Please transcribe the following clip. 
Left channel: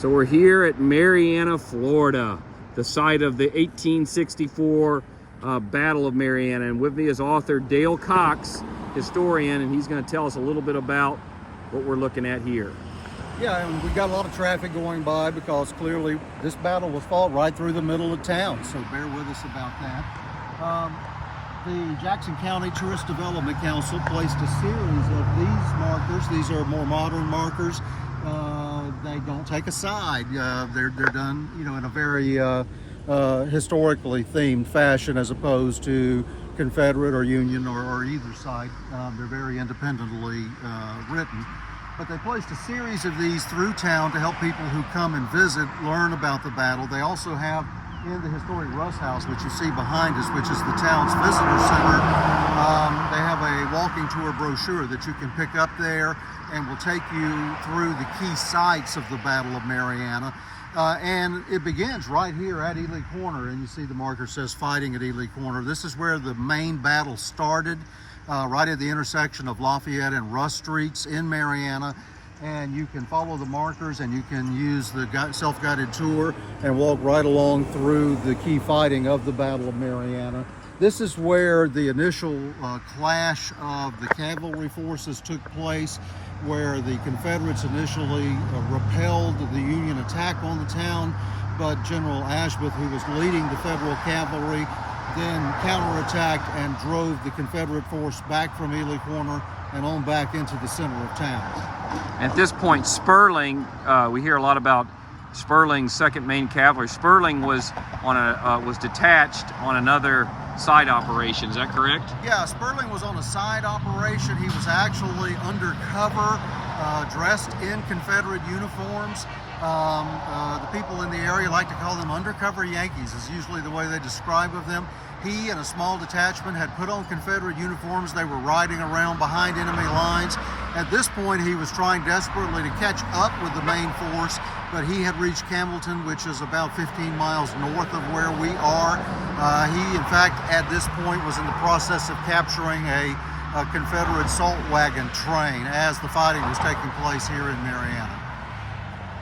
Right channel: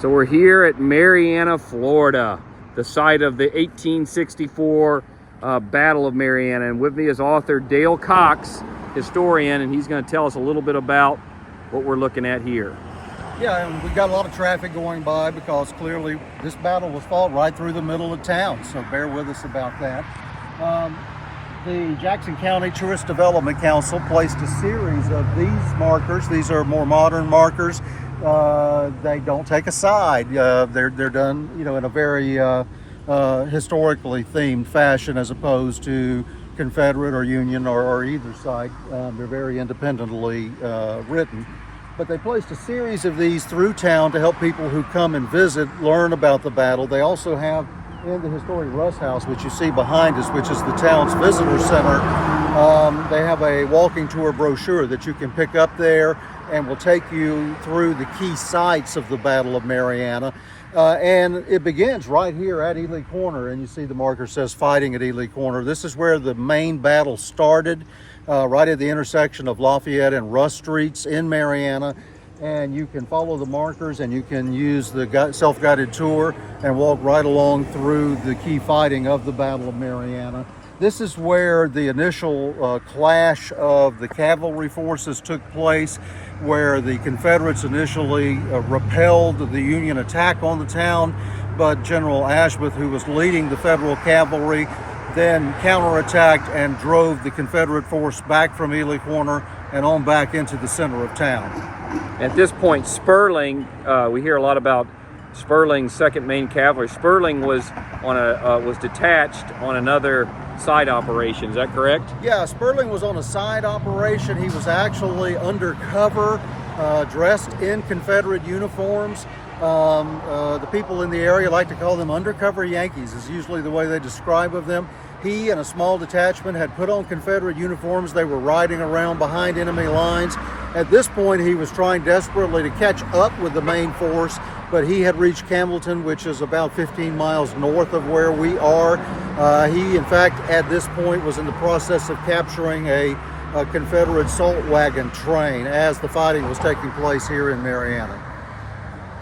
So we're here at Marianna, Florida, the site of the 1864 Battle of Marianna. And with me is author Dale Cox, historian, and he's going to tell us a little bit about what we're looking at here. Yeah, and we got a lot of traffic going by because clearly this battle was fought right through the middle of town, so bear with us about that. The Jackson County Tourist Development Council placed a series of these markers. These are more modern markers. They don't take a side. They're done, in a very historically themed fashion, as opposed to Confederate or Union or either side. They're very independently written. But they placed a series of these through town to help people who come and visit learn about the battle. They also have in the historic Russ House, which you see behind us, which is the town's visitor center, they have a walking tour brochure that you can pick up there and will take you through the key sites of the Battle of Marianna. And it begins right here at Ely Corner, and you see the marker says fighting at Ely Corner. This is where the main battle started, right at the intersection of Lafayette and Russ Streets in Marianna. And you can follow the markers and you can use the self-guided tour and walk right along through the key fighting of the Battle of Marianna. This is where the initial clash of the cavalry forces took place, where the Confederates initially repelled the Union attack on the town, but General Ashbeth, who was leading the Federal cavalry, then counterattacked and drove the Confederate force back from Ely Corner and on back into the center of town. At this point, Sperling, we hear a lot about Sperling's 2nd Maine Cavalry. Sperling was on was detached on another side operation. Is that correct? Yeah, Sperling was on a side operation. He was actually undercover, dressed in Confederate uniforms. The people in the area like to call them undercover Yankees, is usually the way they describe of them. He and a small detachment had put on Confederate uniforms. They were riding around behind enemy lines. At this point, he was trying desperately to catch up with the main force, but he had reached Campbellton, which is about 15 miles north of where we are. He, in fact, at this point was in the process of capturing a Confederate salt wagon train as the fighting was taking place here in Marianna.